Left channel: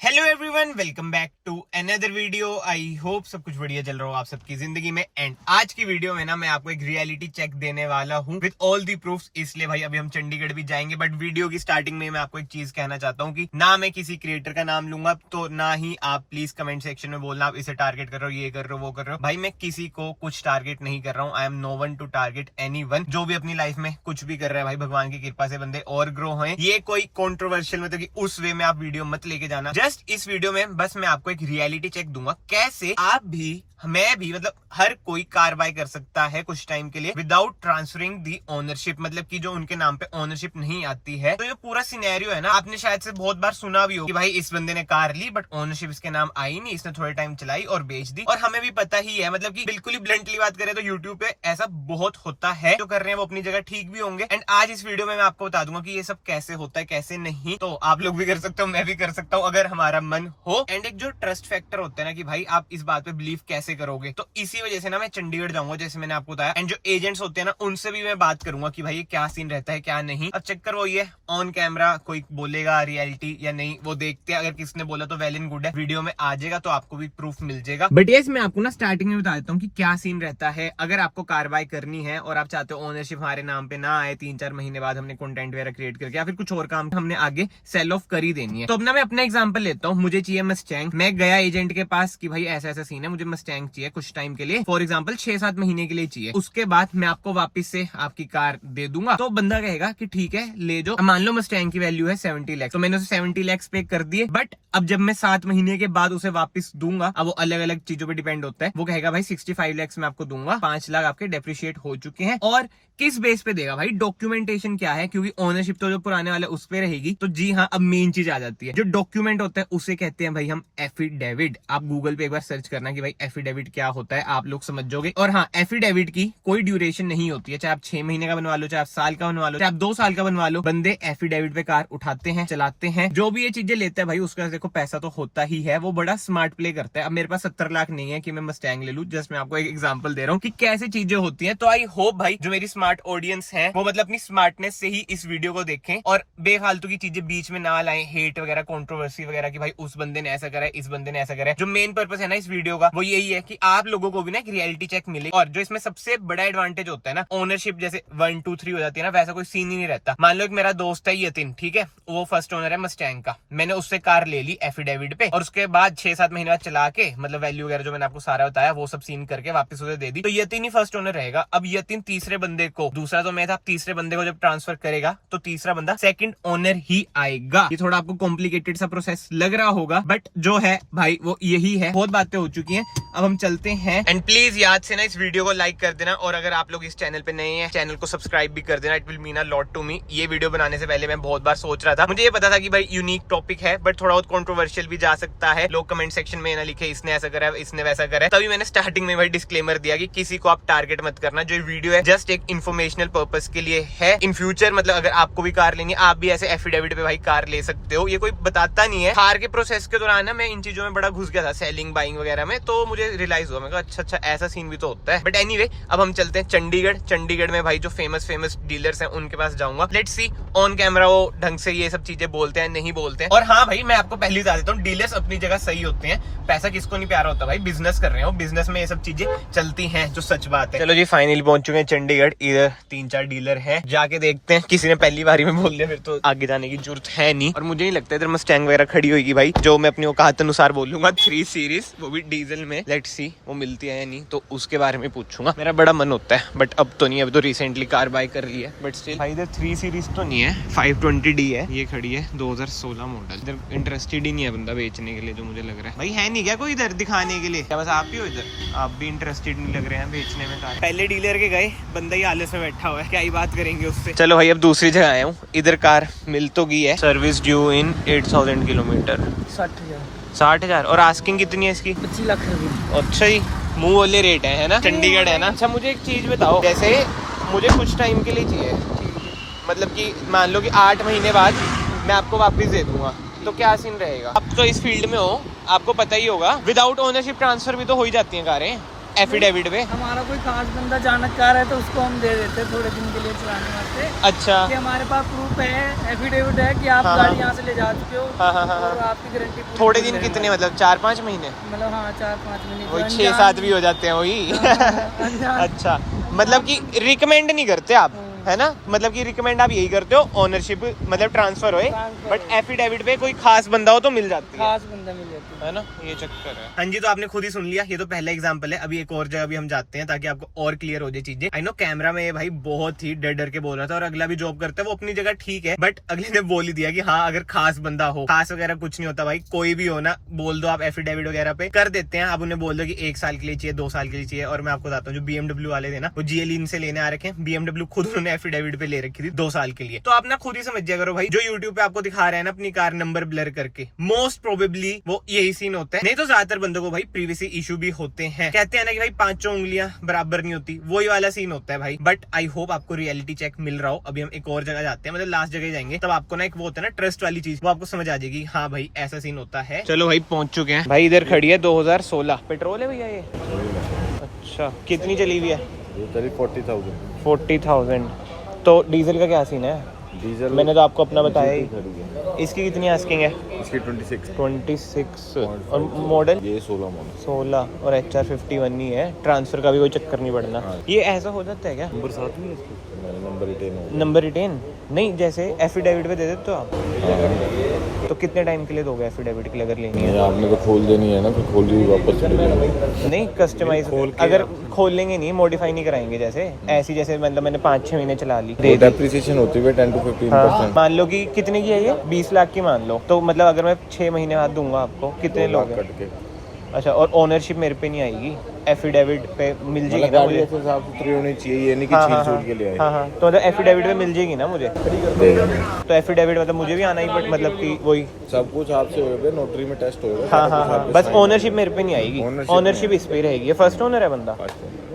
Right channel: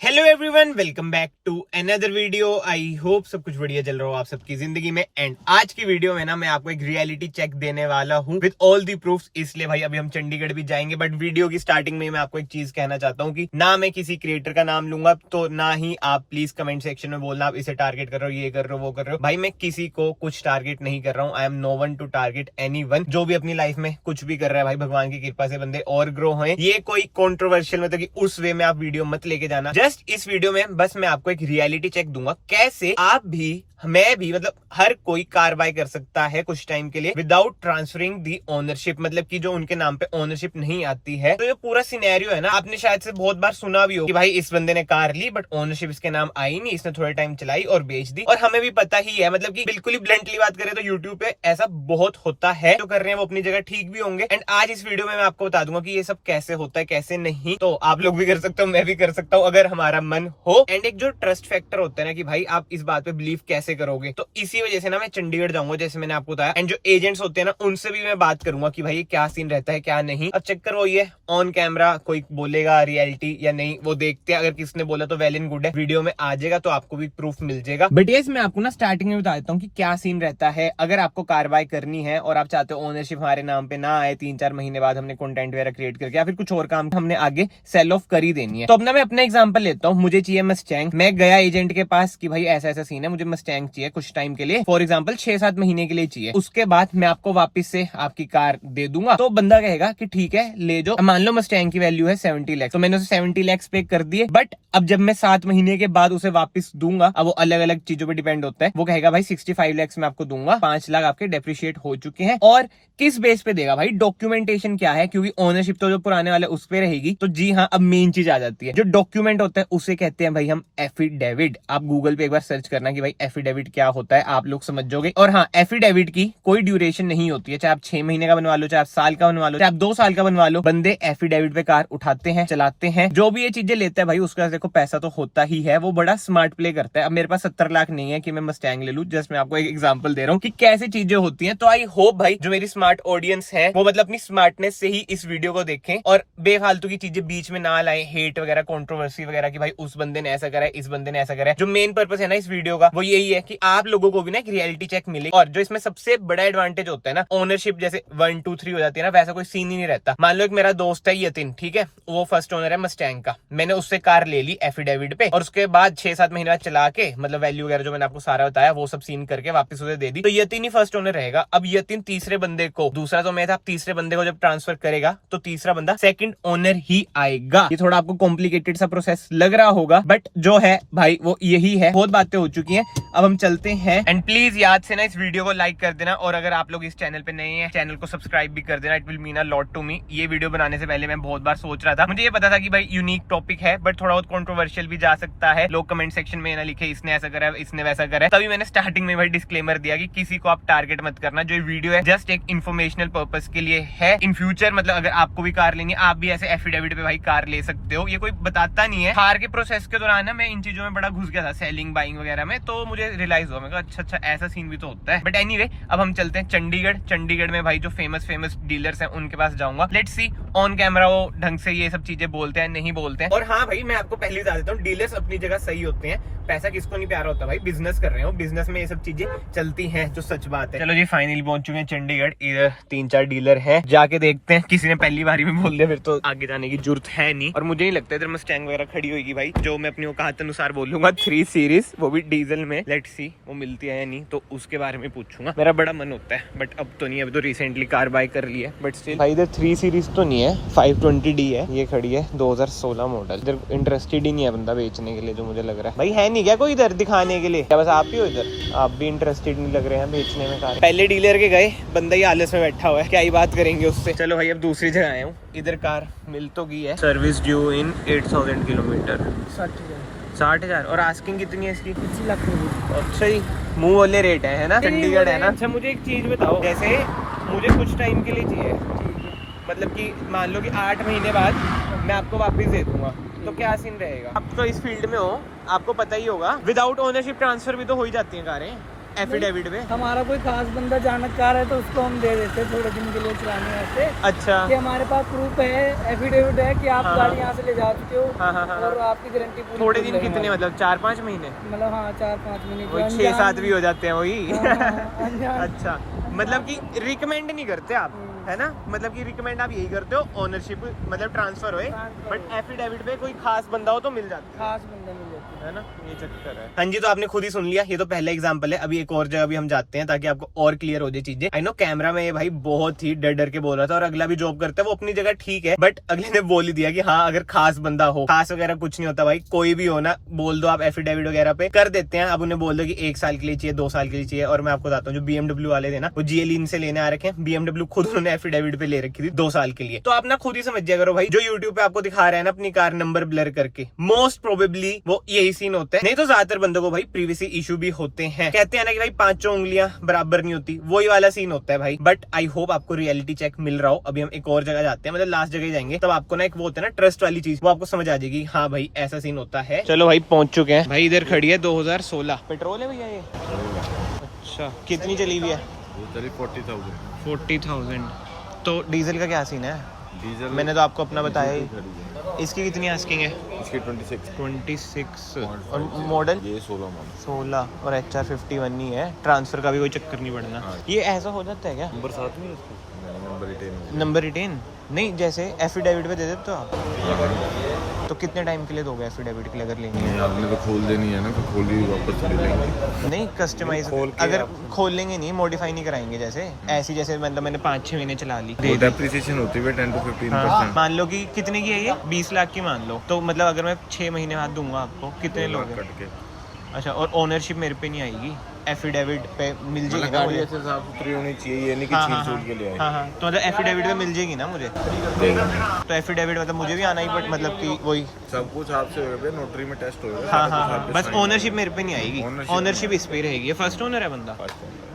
Hello everyone, welcome back to another video. I hope सब कुछ बढ़िया चल रहा हो आप सबकी जिंदगी में। एंड आज की वीडियो में ना मैं आपको एक रियलिटी चेक देने वाला हूँ विद ऑल दी प्रूफ्स। इसलिए भाई अभी हम चंडीगढ़ भी जाएंगे, बट वीडियो की स्टार्टिंग में मैं आपको एक चीज कहना चाहता हूँ कि ना मैं किसी क्रिएटर का नाम लूंगा, तो ना ही आप प्लीज कमेंट सेक्शन में बोलना आप इसे टारगेट कर रहे हो, ये कर रहे हो, वो कर रहे हो। भाई मैं किसी को कुछ टारगेट नहीं कर रहा हूँ। I am no one to target any one. जो भी अपनी लाइफ में कुछ भी कर रहा है भाई, भगवान की कृपा से बंदे और ग्रो हों। ये कोई कॉन्ट्रोवर्शियल मतलब कि उस वे में आप वीडियो मत लेके जाना। जस्ट इस वीडियो में बस मैं आपको एक रियलिटी चेक दूंगा, कैसे आप भी, मैं भी, मतलब हर कोई कार्रवाई कर सकता है कुछ टाइम के लिए विदाउट ट्रांसफरिंग दी ओनरशिप। मतलब कि जो उनके नाम पे ओनरशिप नहीं आती है। तो ये पूरा सिनेरियो है ना, आपने शायद से बहुत बार सुना भी हो कि भाई इस बंदे ने कार ली बट ओनरशिप इसके नाम आई नहीं, इसने थोड़े टाइम चलाई और बेच दी। और हमें भी पता ही है, मतलब कि बिल्कुल ही ब्लंटली बात करें तो यूट्यूब पे ऐसा बहुत होता है। जो कर रहे हैं वो अपनी जगह ठीक भी होंगे। एंड आज इस वीडियो में मैं आपको बता दूंगा कि ये सब कैसे होता है, कैसे नहीं। तो आप लोग भी कर सकते हो, मैं भी कर सकता हूँ अगर हमारा मन हो। एंड एक जो ट्रस्ट फैक्टर होता है ना कि भाई आप इस बात पे बिलीव कैसे करोगे, तो इसी वजह से ना मैं चंडीगढ़ जाऊंगा, जैसे मैंने आपको बताया। एंड जो एजेंट्स होते हैं ना, उनसे भी मैं बात करूंगा कि भाई क्या सीन रहता है क्या नहीं। अब चेक करो, ये ऑन कैमरा कोई बोलेगा रियलिटी या नहीं वो देखते हैं। अगर किसने बोला तो वेल एंड गुड है, वीडियो में आ जाएगा तो आपको भी प्रूफ मिल जाएगा। बट ये मैं आपको ना स्टार्टिंग में बता देता हूँ कि क्या सीन रहता है। अगर आपको कार्रवाई करनी है और आप चाहते हो ओनरशिप हमारे नाम पे ना आए, 3-4 महीने बाद हमने कंटेंट वगैरह क्रिएट करके या फिर कुछ और काम हमने आगे सेल ऑफ कर ही देनी है, तो अब ना मैं अपना एग्जांपल लेता हूँ। मुझे चाहिए मस्टैंग। मैं गया एजेंट के पास कि भाई ऐसा ऐसा सीन है, मुझे मस्टैंग चाहिए कुछ टाइम के लिए, फॉर एग्जांपल 6-7 महीने के लिए चाहिए। उसके बाद मैं आपको वापस से आपकी कार दे दूंगा। तो बंदा कहेगा कि ठीक है ले जाओ। मान लो मस्टैंग की वैल्यू है 70 लाख, तो मैंने उसे 70 लाख पे कर दिए। बट अब जब मैं 7 महीने के बाद उसे वापस दूंगा, अब वो अलग अलग चीजों पे डिपेंड होता है। वो कहेगा भाई 65 लाख में आपको दूंगा, 5 लाख आपके डेप्रिशिएट हो चुके हैं। और किस बेस पे देगा भाई, डॉक्यूमेंटेशन क्या है, क्योंकि ओनरशिप तो जो पुराने वाले उस पे रहेगी। तो जी हाँ, अब मेन चीज आ जाती है। जो डॉक्यूमेंट होता है उसे कहते हैं भाई हम एफिडेविट। आप गूगल पे एक बार सर्च करना कि भाई एफिडेविट क्या होता है, आप लोग समझ जाओगे। और हाँ, एफिडेविट की कोई ड्यूरेशन नहीं होती है, चाहे आप 6 महीने का बनवा लो, चाहे आप साल का बनवा लो, चाहे आप 2 साल का बनवा लो। बंदे एफिडेविट पे कार उठाते हैं, चलाते हैं। जो भी ये चीजें लेते हैं भाई, उसका देखो पैसा तो होता ही है। वो बड़ा स्मार्ट प्ले करता है। अब मेरे पास 70 लाख नहीं है कि मैं मस्टैंग ले लूं। जस्ट मैं आपको एक एग्जांपल दे रहा हूँ कि कैसे चीजें होती हैं। तो आई होप भाई जो मेरी स्मार्ट ऑडियंस है वो मतलब अपनी स्मार्टनेस से ही इस वीडियो को देखें और बेफालतू की चीजें बीच में ना लाएं, हेट वगैरह, कंट्रोवर्सी वगैरह कि भाई उस बंदे ने ऐसा करा है, इस बंदे ने ऐसा करा है। जो मेन पर्पस है ना इस वीडियो का, वो यही है कि आप लोगों को भी ना एक रियलिटी चेक मिले। और जो इसमें सबसे बड़ा एडवांटेज होता है ना, ओनरशिप जैसे 1, 2, 3 हो जाती है ना, वैसा कोई सीन ही नहीं रहता। मान लो एक मेरा दोस्त है यतिन, ठीक है, वो फर्स्ट ओनर है मस्टैंग का। मैंने उससे कार ले ली एफिडेविट पे और उसके बाद 6-7 महीना चला के, मतलब वैल्यू वगैरह जो मैंने आपको सारा बताया वो सब सीन करके वापस उसे दे दी। तो यतिन ही फर्स्ट ओनर रहेगा। अब यतिन तीसरे बंदे को, दूसरा तो मैं था, तीसरे बंदे को जब ट्रांसफर करेगा तो तीसरा बंदा सेकंड ओनर ही आएगा। ये थोड़ा आपको कॉम्प्लिकेटेड सा प्रोसेस लग रहा होगा, बट जो है भाई वो यही है। बहुत बातें हो चुकी हैं, अब हम चलते हैं। एंड प्लीज याद से ना इस वीडियो को लाइक कर देना, और अगर आप लोग इस चैनल पे नए हैं, चैनल को सब्सक्राइब भी कर देना। It will mean a lot to me. ये वीडियो बनाने से पहले मैं बहुत बार सोच रहा था, मुझे ये पता था कि भाई यूनिक टॉपिक है बट थोड़ा बहुत कंट्रोवर्शियल भी जा सकता है। लोग कमेंट सेक्शन में ना लिखे इसने ऐसा करा है, इसने वैसा करा है। तभी मैंने स्टार्टिंग में भाई डिस्क्लेमर दिया कि किसी को आप टारगेट मत करना। जो वीडियो है जस्ट एक इन्फॉर्मेशनल पर्पस के लिए है। इन फ्यूचर मतलब अगर आपको भी कार लेनी, आप भी ऐसे एफिडेविट पे भाई कार ले सकते हो। ये कोई बताता नहीं है। कार के प्रोसेस के दौरान ना मैं इन चीजों में बड़ा घुस गया था, सेलिंग बाइंग वगैरह में, तो मुझे रियलाइज हुआ। मैं कहा अच्छा ऐसा सीन भी तो होता है। बट एनीवे, अब हम चलते हैं चंडीगढ़। चंडीगढ़ में भाई जो फेमस डीलर्स हैं उनके पास जाऊंगा। लेट्स सी ऑन कैमरा वो ढंग से ये सब चीजें बोलते हैं नहीं बोलते हैं। और हाँ भाई मैं आपको पहले बता देता हूँ, डीलर्स अपनी जगह सही होते हैं। पैसा किसको नहीं प्यारा होता भाई, बिजनेस कर रहे हो, बिजनेस में ये सब चीजें चलती हैं, जो सच बात है। चलो जी फाइनली पहुंच चुके हैं चंडीगढ़। इधर 3-4 डीलर हैं, जाके देखते हैं। किसी ने पहली बारी में बोल दिया फिर तो आगे जाने की जरूरत है नहीं। और मुझे नहीं लगता इधर मस्टैंग वगैरह खड़ी होगी भाई, जो मैं अपनी औकात अनुसार बोलूंगा। 3 सीरीज, वो भी डीजल में। लेट्स सी वो मिलती है या नहीं, तो उसके बारे में पूछूंगा। मेरा बड़ा मन होता है बट अब तो नहीं, अभी तो रिसेंटली कार बाय कर ली है। बट स्टिल भाई इधर 3 सीरीज तो नहीं है, 520D है। ये खड़ी है 2016 मॉडल। इधर इंटरेस्टेड ही नहीं है बंदा बेचने के लिए, जो मुझे लग रहा है। भाई है नहीं क्या कोई इधर दिखाने के लिए? क्या बस आप ही हो इधर? आप भी इंटरेस्टेड नहीं लग रहे हैं बेचने में कार। पहले डीलर के गए, बंदा ही आलस में बैठा हुआ है, क्या ही बात करेंगे उससे। चलो भाई अब दूसरी जगह आया हूँ। इधर कार मिल तो गई है। सर्विस ड्यू इन 8000 किलोमीटर, 60,000। और आस्किंग कितनी है इसकी? 25 लाख। अच्छा ही मुंह वाले रेट है ना, चंडीगढ़ है ना। अच्छा मुझे एक चीज बताओ, जैसे मुझे कुछ टाइम के लिए चाहिए, मतलब कि मान लो कि 8 महीने बाद मैं आपको वापस दे दूंगा, तो क्या सीन रहेगा? आप तो इस फील्ड में हो, आपको पता ही होगा, विदाउट ओनरशिप ट्रांसफर भी तो हो ही जाती है कारें। एफिडेविट पे? हमारा कोई खास बंदा जानकार है तो उसको हम दे देते हैं थोड़े दिन के लिए चलाने वास्ते। अच्छा, कि हमारे पास प्रूफ है, एफिडेविट है कि आप गाड़ी यहाँ से ले जा चुके हो। और आपकी गारंटी पूरी। थोड़े दिन कितने, मतलब 4-5 महीने? मतलब हाँ 4-5 महीने, वही 6-7 भी हो जाते हैं वही। अच्छा, मतलब कि रिकमेंड नहीं करते आप, है ना? मतलब कि रिकमेंड आप यही करते हो ओनरशिप मतलब ट्रांसफर होए, बट एफिडेविट पे कोई खास बंदा हो तो मिल जाती है, खास बंदा मिल जाता है ना? ये चक्कर है। हाँ जी, तो आपने खुद ही सुन लिया, ये तो पहला एग्जांपल है। अभी एक और जगह भी हम जाते हैं ताकि आपको और क्लियर हो जाए चीजें। आई नो कैमरा में ये भाई बहुत ही डर डर के बोल रहा था, और अगला भी जॉब करता है वो अपनी जगह ठीक है, बट अगले ने बोल ही दिया कि हाँ अगर खास बंदा हो, खास वगैरह कुछ नहीं होता भाई, कोई भी हो ना, बोल दो आप एफिडेविट वगैरह पे कर देते हैं। अब उन्हें बोल दो कि 1 साल के लिए चाहिए, 2 साल के लिए चाहिए। और मैं आपको बताता हूँ जो BMW वाले थे ना, वो GLE इनसे लेने आ रखे हैं, BMW खुद उन्होंने एफिडेविट पे ले रखी थी 2 साल के लिए। तो आप ना खुद ही समझ जाया करो भाई, जो यूट्यूब पे आपको दिखा रहा है ना अपनी कार नंबर ब्लर करके, मोस्ट प्रोबेबली वो यही सीन होता है। नहीं तो ज्यादातर बंदों को भाई प्रीवियसली इशू भी होते हैं। कहते हैं ना कि भाई 5 उंगलियां बराबर नहीं होती, वही वाला सीन होता है भाई। बट आई होप आपको रियलिटी चेक मिल रहा हो। अभी हम एक और जगह जाते हैं, मतलब लास्ट जगह जाएंगे, तब आपको ना एक वो होता है ना ट्रस्ट वाली चीज, वो आपको समझ आ जाएगी हाँ भाई ऐसा सीन होता है। चलो भाई पहुंच चुके हैं भाई, इधर खड़ी है 2016 पेट्रोल है भैया ये? अच्छा, कितनी चली हुई है? 40,000। तो डीजल का क्या सीन है? डीजल मैंने तो आपको अपना बताया ही। इसकी कितनी आस्किंग है? इसकी 26 और मॉडल ये 16 और HR 51 ही है। ट्रांसफर का भी कोई चक्कर नहीं पड़ना। ये ऐसा हो जाता है क्या? नंबर 7 नहीं है इसका? नहीं, नंबर रिटेन नहीं, जैसे एफिडेविट पे दे देते हो आप? तो कितने टाइम के लिए दोगे एफिडेविट के लिए अगर लेनी है? आपने तो खोल देनी है ना, कि खोली वापस ले लेंगे। नहीं, कस्टमाइज अगर खोल लेंगे नहीं, मॉडिफाई नहीं कराएंगे जैसे ऐसी, जैसे मतलब मैंने 5-6 महीने चला ली, डेप्रिसिएशन होती है 10 to 15%। मान लो कि कितने की है ये? 20 लाख की मान लो, तो मतलब अगर मैं 6 महीने बाद दूंगा आपको, कितने लोग कट के? अच्छा, और ओनरशिप मेरे पे नहीं आएगी, एफिडेविट पे मिल जाएगी ना गाड़ी मुझे? ऐसे साफ सुथरी होनी चाहिए, ये नहीं कि छील के लिए आए। हाँ, तो मतलब एफिडेविट पे मिल जाएगी ना मुझे? तो एफिडेविट मतलब मुझे भी आना ही, मतलब कि वही सब कुछ आपसे होगा, नोटरी में टेस्ट होगा। हाँ, बस ओनरशिप मेरे पे नहीं आएगी, ओनरशिप इस पे रहेगी। ये फर्स्ट ओनर है बंदा,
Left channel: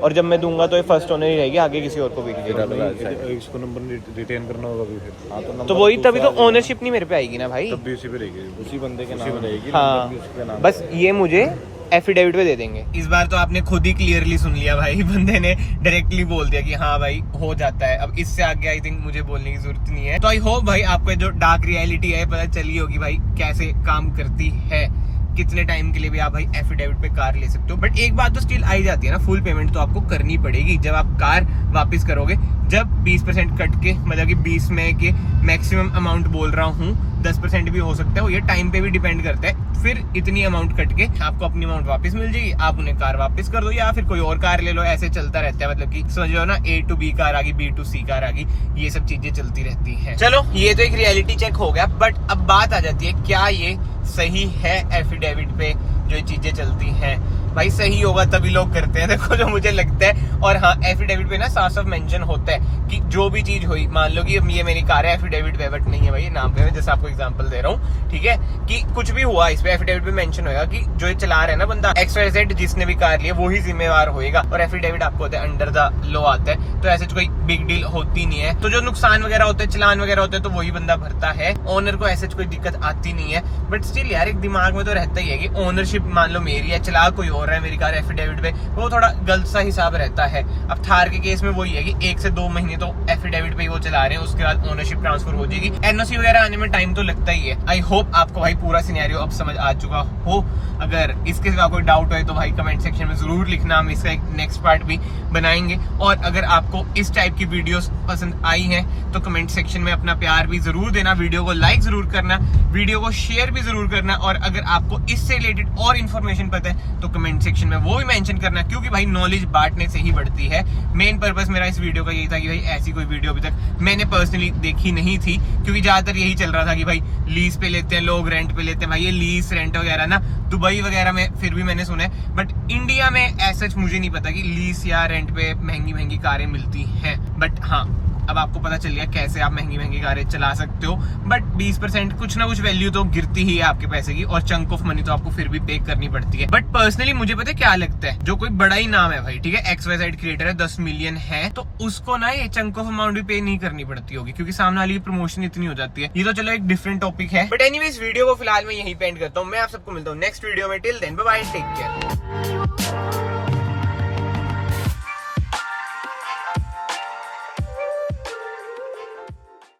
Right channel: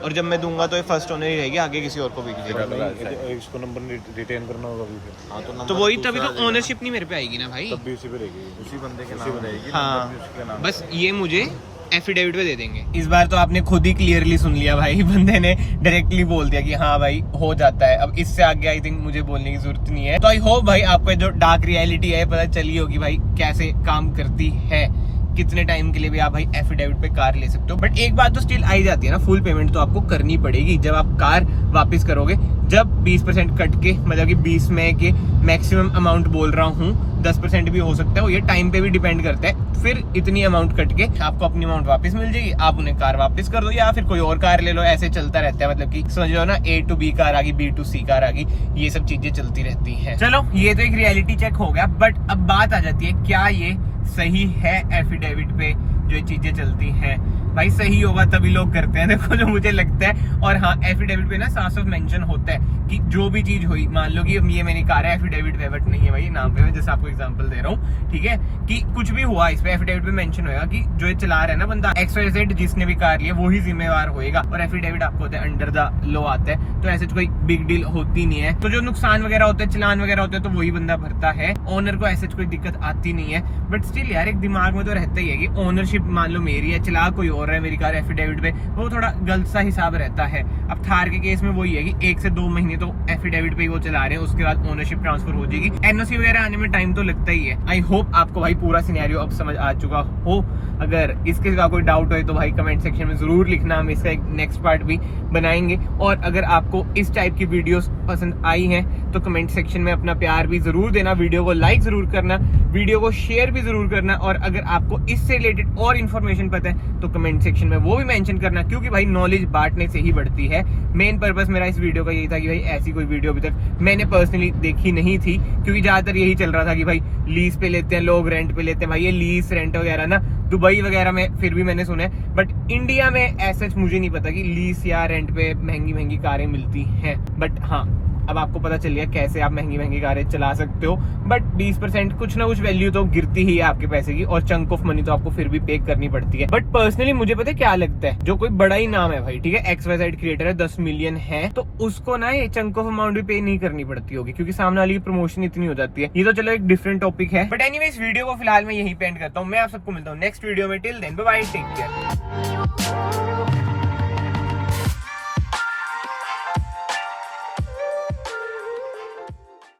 और जब मैं दूंगा तो ये फर्स्ट ओनर ही रहेगी, आगे किसी और को बिक जाएगी। इसको नंबर रिटेन करना होगा भी, तो वही, तभी तो ओनरशिप नहीं मेरे पे आएगी ना भाई, तब भी उसी पे रहेगी, उसी बंदे के नाम रहेगी। हाँ, बस ये मुझे एफिडेविट पे दे देंगे। इस बार तो आपने खुद ही क्लियरली सुन लिया भाई, बंदे ने डायरेक्टली बोल दिया कि हाँ भाई हो जाता है। अब इससे आगे आई थिंक मुझे बोलने की जरूरत नहीं है। तो आई होप भाई आपको जो डार्क रियलिटी है पता चली होगी भाई कैसे काम करती है, कितने टाइम के लिए भी आप भाई एफिडेविट पे कार ले सकते हो। बट एक बात तो स्टिल आई जाती है ना, फुल पेमेंट तो आपको करनी पड़ेगी जब आप कार वापस करोगे। जब 20% कट के, मतलब कि 20 में के मैक्सिमम अमाउंट बोल रहा हूँ, 10% भी हो सकता है, वो ये टाइम पे भी डिपेंड करता है। फिर इतनी अमाउंट कट के आपको अपनी अमाउंट वापस मिल जाएगी, आप उन्हें कार वापस कर दो या फिर कोई और कार ले लो। ऐसे चलता रहता है, मतलब कि समझ लो ना, A to B कार आ गई, B to C कार आ गई, ये सब चीजें चलती रहती हैं। चलो ये तो एक रियलिटी चेक हो गया, बट अब बात आ जाती है क्या ये सही है एफिडेविट पे जो चीजें चलती हैं? भाई सही होगा तभी लोग करते हैं, देखो जो मुझे लगता है। और हाँ, एफिडेविट पे ना साफ साफ मेंशन होता है कि जो भी चीज हुई, मान लो कि ये मेरी कार है, एफिडेविट पे बट नहीं है भाई, ये नाम पे है, जैसे आपको एग्जांपल दे रहा हूँ, ठीक है, कि कुछ भी हुआ इस पे एफिडेविट पे मेंशन होगा कि जो ये चला रहा है ना बंदा XYZ, जिसने भी कार लिया वो ही जिम्मेवार होएगा। और एफिडेविट आपको होता है अंडर द लॉ आता है, तो ऐसे कोई बिग डील होती नहीं है। तो जो नुकसान वगैरह होते हैं, चलान वगैरह होते हैं, तो वही बंदा भरता है, ओनर को ऐसे कोई दिक्कत आती नहीं है। बट स्टिल यार एक दिमाग में तो रहता ही है कि ओनरशिप मान लो मेरी है, चला कोई और है मेरी कार एफिडेविट पे, वो थोड़ा गलत सा हिसाब रहता है। अब थार के केस में वही है कि 1 से 2 महीने तो एफिडेविट पे ही वो चला रहे हैं, उसके बाद ओनरशिप ट्रांसफर हो जाएगी। NOC वगैरह आने में टाइम तो लगता ही है। आई होप आपको भाई पूरा सिनेरियो अब समझ आ चुका हो। अगर इसके सिवा कोई डाउट हो तो भाई कमेंट सेक्शन में जरूर लिखना, हम इसका एक नेक्स्ट पार्ट भी बनाएंगे। और अगर आपको इस टाइप की वीडियोस पसंद आई हैं तो कमेंट सेक्शन में अपना प्यार भी जरूर देना, वीडियो को लाइक जरूर करना, वीडियो को शेयर भी जरूर करना। और अगर आपको इससे रिलेटेड और इन्फॉर्मेशन पता है तो कमेंट सेक्शन में वो भी मेंशन करना, क्योंकि भाई नॉलेज बांटने से ही बढ़ती है। मेन पर्पस मेरा इस वीडियो का यही था कि भाई ऐसी कोई वीडियो अभी तक मैंने पर्सनली देखी नहीं थी, क्योंकि ज्यादातर यही चल रहा था कि भाई लीज पे लेते हैं लोग, रेंट पे लेते हैं। भाई ये लीज रेंट वगैरह ना दुबई वगैरह में फिर भी मैंने सुना है, बट इंडिया में ऐसा मुझे नहीं पता कि लीज या रेंट पे महंगी महंगी कारें मिलती हैं। बट हाँ, अब आपको पता चल गया कैसे आप महंगी महंगी कारें चला सकते हो। बट 20% कुछ ना कुछ वैल्यू तो गिरती ही है आपके पैसे की, और चंक ऑफ मनी तो आपको फिर भी पे करनी पड़ती है। बट पर्सनली मुझे पता है क्या लगता है, जो कोई बड़ा ही नाम है भाई, ठीक है, XYZ क्रिएटर है, 10 मिलियन है, तो उसको ना ये चंक ऑफ अमाउंट भी पे नहीं करनी पड़ती होगी, क्योंकि सामने वाली की प्रमोशन इतनी हो जाती है। ये तो चलो एक डिफरेंट टॉपिक है। बट एनीवेज वीडियो को फिलहाल मैं यहीं पे एंड करता हूँ। मैं आप सबको मिलता हूँ नेक्स्ट वीडियो में। Till then bye bye, take care.